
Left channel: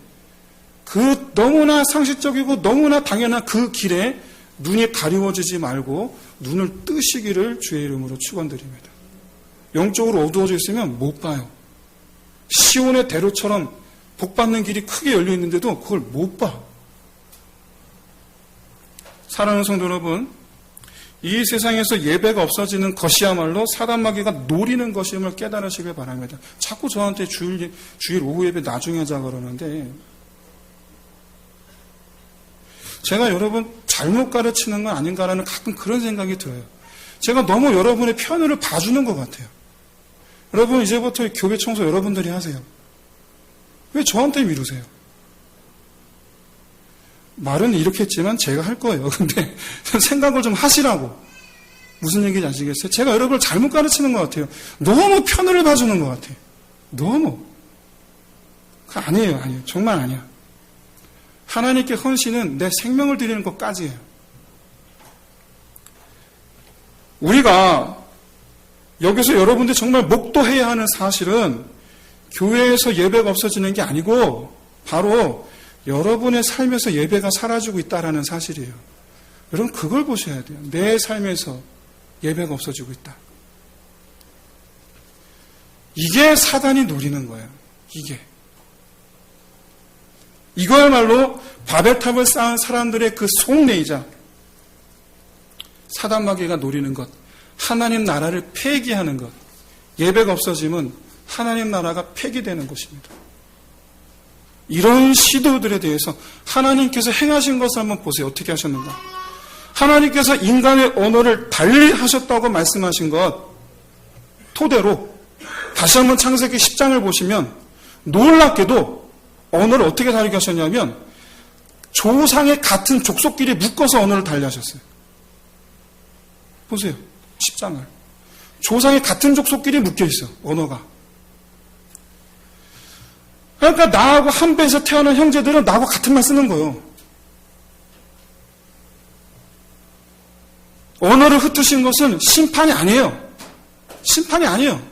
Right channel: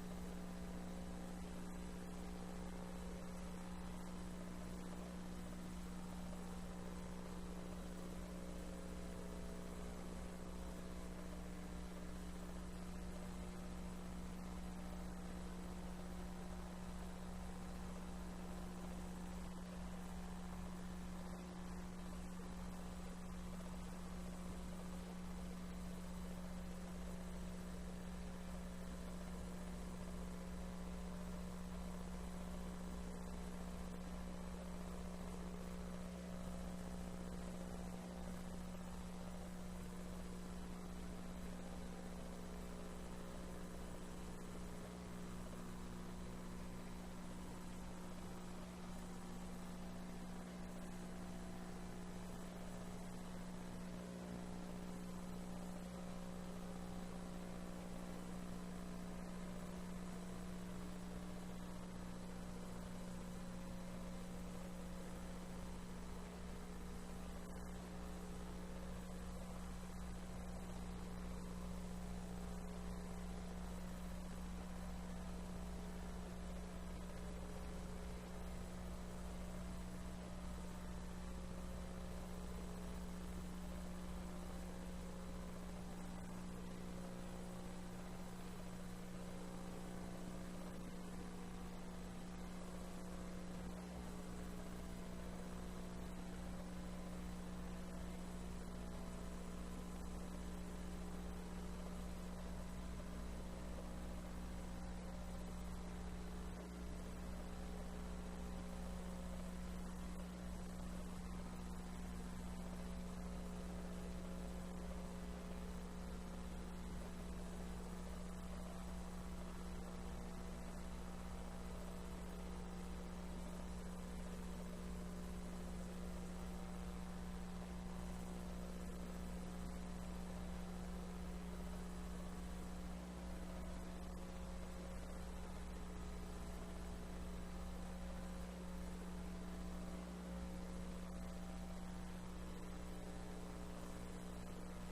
그 너무나 상식적이고 너무나 당연한 그 길에 눈이 가리워지지 말고 눈을 뜨시기를 주의 이름으로 축원드립니다. 영적으로 어두워져 있으면 못 봐요. 시온의 대로처럼 복받는 길이 크게 열려 있는데도 그걸 못 봐. 사랑하는 성도 여러분, 이 세상에서 예배가 없어지는 것이야말로 사단마귀가 노리는 것임을 깨달으시길 바랍니다. 자꾸 저한테 주일 오후 예배 나중에 하자 그러는데, 제가 여러분 잘못 가르치는 건 아닌가라는 가끔 그런 생각이 들어요. 제가 너무 여러분의 편을 봐주는 것 같아요. 여러분, 이제부터 교회 청소 여러분들이 하세요. 왜 저한테 미루세요? 말은 이렇게 했지만 제가 할 거예요. 근데 생각을 좀 하시라고. 무슨 얘기인지 아시겠어요? 제가 여러분을 잘못 가르치는 것 같아요. 너무 편을 봐주는 것 같아요. 너무. 그거 아니에요. 정말 아니야. 하나님께 헌신은 내 생명을 드리는 것까지예요. 우리가 여기서 여러분들 정말 목도해야 하는 사실은 교회에서 예배가 없어지는 게 아니고 바로 여러분의 삶에서 예배가 사라지고 있다는 사실이에요. 여러분, 그걸 보셔야 돼요. 내 삶에서 예배가 없어지고 있다. 이게 사단이 노리는 거예요. 이거야말로 바벨탑을 쌓은 사람들의 그 속내이자 사단마귀가 노리는 것, 하나님 나라를 폐기하는 것. 예배가 없어지면 하나님 나라가 폐기되는 것입니다. 이런 시도들에 대해서 하나님께서 행하신 것을 한번 보세요. 어떻게 하셨는가? 하나님께서 인간의 언어를 달리 하셨다고 말씀하신 것 토대로 다시 한번 창세기 10장을 보시면 놀랍게도 언어를 어떻게 다르게 하셨냐면 조상의 같은 족속끼리 묶어서 언어를 달리 하셨어요. 보세요. 10장을. 조상의 같은 족속끼리 묶여 있어, 언어가. 그러니까 나하고 한 배에서 태어난 형제들은 나하고 같은 말 쓰는 거예요. 언어를 흩으신 것은 심판이 아니에요. 심판이 아니에요.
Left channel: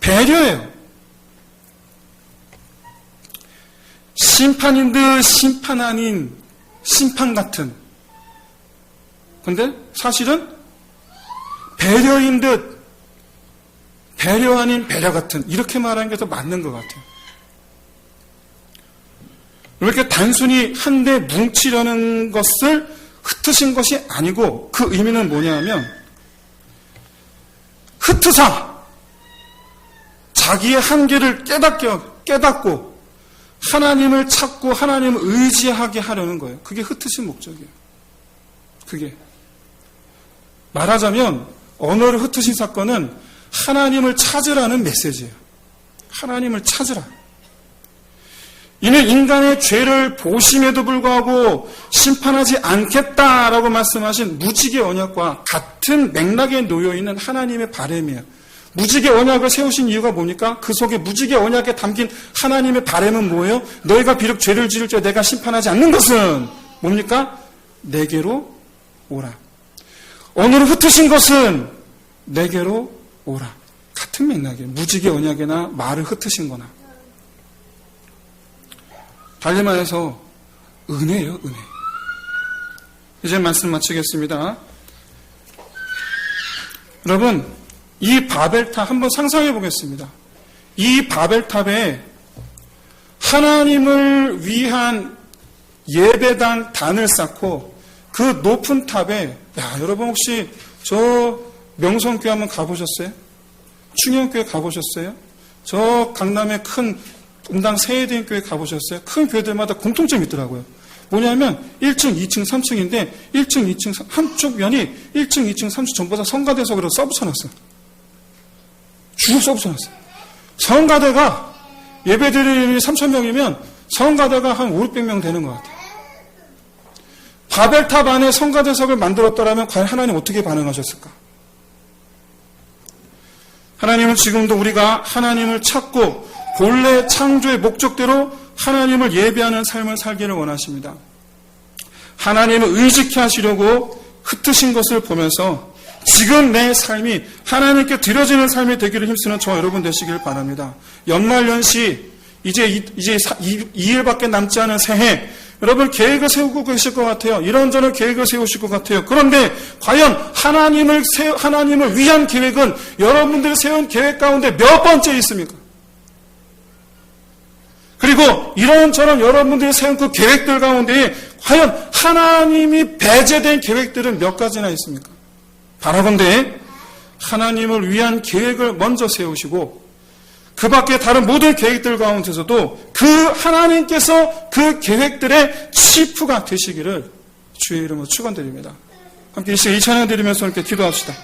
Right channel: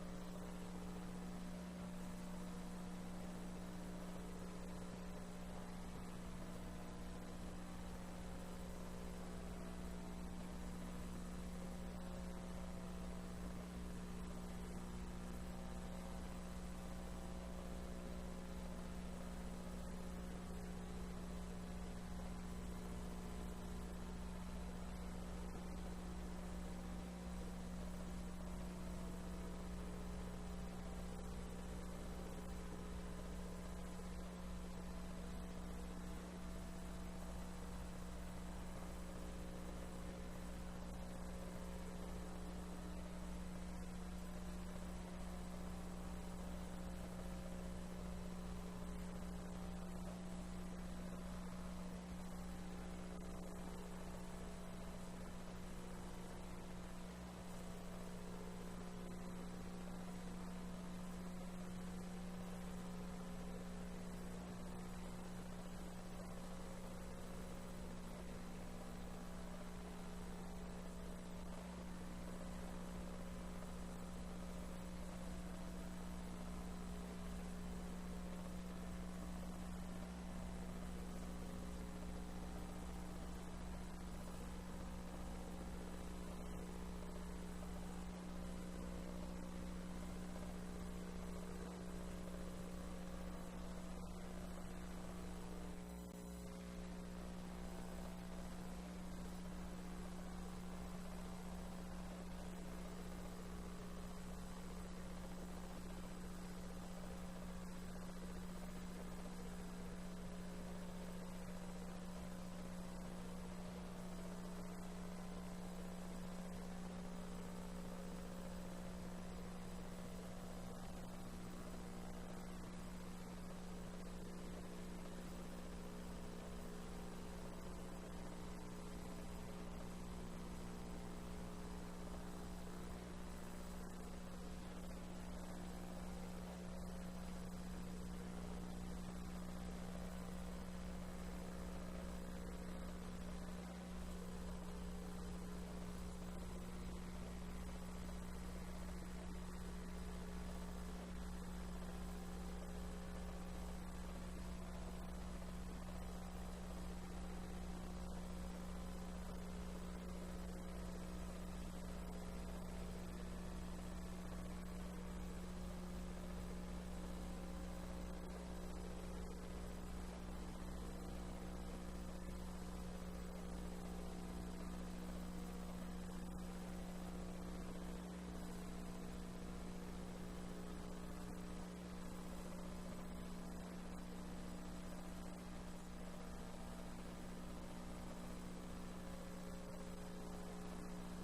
배려예요. 심판인 듯 심판 아닌 심판 같은. 근데 사실은 배려인 듯 배려 아닌 배려 같은, 이렇게 말하는 게 더 맞는 것 같아요. 이렇게 단순히 한데 뭉치려는 것을 흩으신 것이 아니고, 그 의미는 뭐냐면 흩으사 자기의 한계를 깨닫고 하나님을 찾고 하나님을 의지하게 하려는 거예요. 그게 흩으신 목적이에요. 그게 말하자면 언어를 흩으신 사건은 하나님을 찾으라는 메시지예요. 하나님을 찾으라. 이는 인간의 죄를 보심에도 불구하고 심판하지 않겠다라고 말씀하신 무지개 언약과 같은 맥락에 놓여있는 하나님의 바람이에요. 무지개 언약을 세우신 이유가 뭡니까? 그 속에 무지개 언약에 담긴 하나님의 바람은 뭐예요? 너희가 비록 죄를 지을 때 내가 심판하지 않는 것은 뭡니까? 내게로 오라. 언어를 흩으신 것은 내게로 오라. 같은 맥락이에요. 무지개 언약이나 말을 흩으신 거나. 달리 말해서 은혜예요, 은혜. 이제 말씀 마치겠습니다. 여러분, 이 바벨탑 한번 상상해 보겠습니다. 이 바벨탑에 하나님을 위한 예배당 단을 쌓고 그 높은 탑에, 여러분 혹시 저 명성교회 한번 가보셨어요? 충영교회 가보셨어요? 저 강남의 큰 분당 세회대교회 가보셨어요? 큰 교회들마다 공통점이 있더라고요. 뭐냐면 1층, 2층, 3층인데 1층, 2층, 한쪽 면이 1층, 2층, 3층 전부 다 성가대석으로 써붙여놨어요. 쭉 써붙여놨어요. 성가대가 예배드리는 3,000명이면 성가대가 한 5, 600명 되는 것 같아요. 바벨탑 안에 성가대석을 만들었더라면 과연 하나님 어떻게 반응하셨을까? 하나님은 지금도 우리가 하나님을 찾고 본래 창조의 목적대로 하나님을 예배하는 삶을 살기를 원하십니다. 하나님을 의식해 하시려고 흩으신 것을 보면서 지금 내 삶이 하나님께 드려지는 삶이 되기를 힘쓰는 저와 여러분 되시길 바랍니다. 연말연시 이제 2일밖에 남지 않은 새해, 여러분 계획을 세우고 계실 것 같아요. 이런저런 계획을 세우실 것 같아요. 그런데 과연 하나님을 위한 계획은 여러분들이 세운 계획 가운데 몇 번째 있습니까? 그리고 이런저런 여러분들이 세운 그 계획들 가운데 과연 하나님이 배제된 계획들은 몇 가지나 있습니까? 바라건대 하나님을 위한 계획을 먼저 세우시고 그 밖에 다른 모든 계획들 가운데서도 그 하나님께서 그 계획들의 치프가 되시기를 주의 이름으로 축원드립니다. 함께 이 시간 이 찬양 드리면서 함께 기도합시다.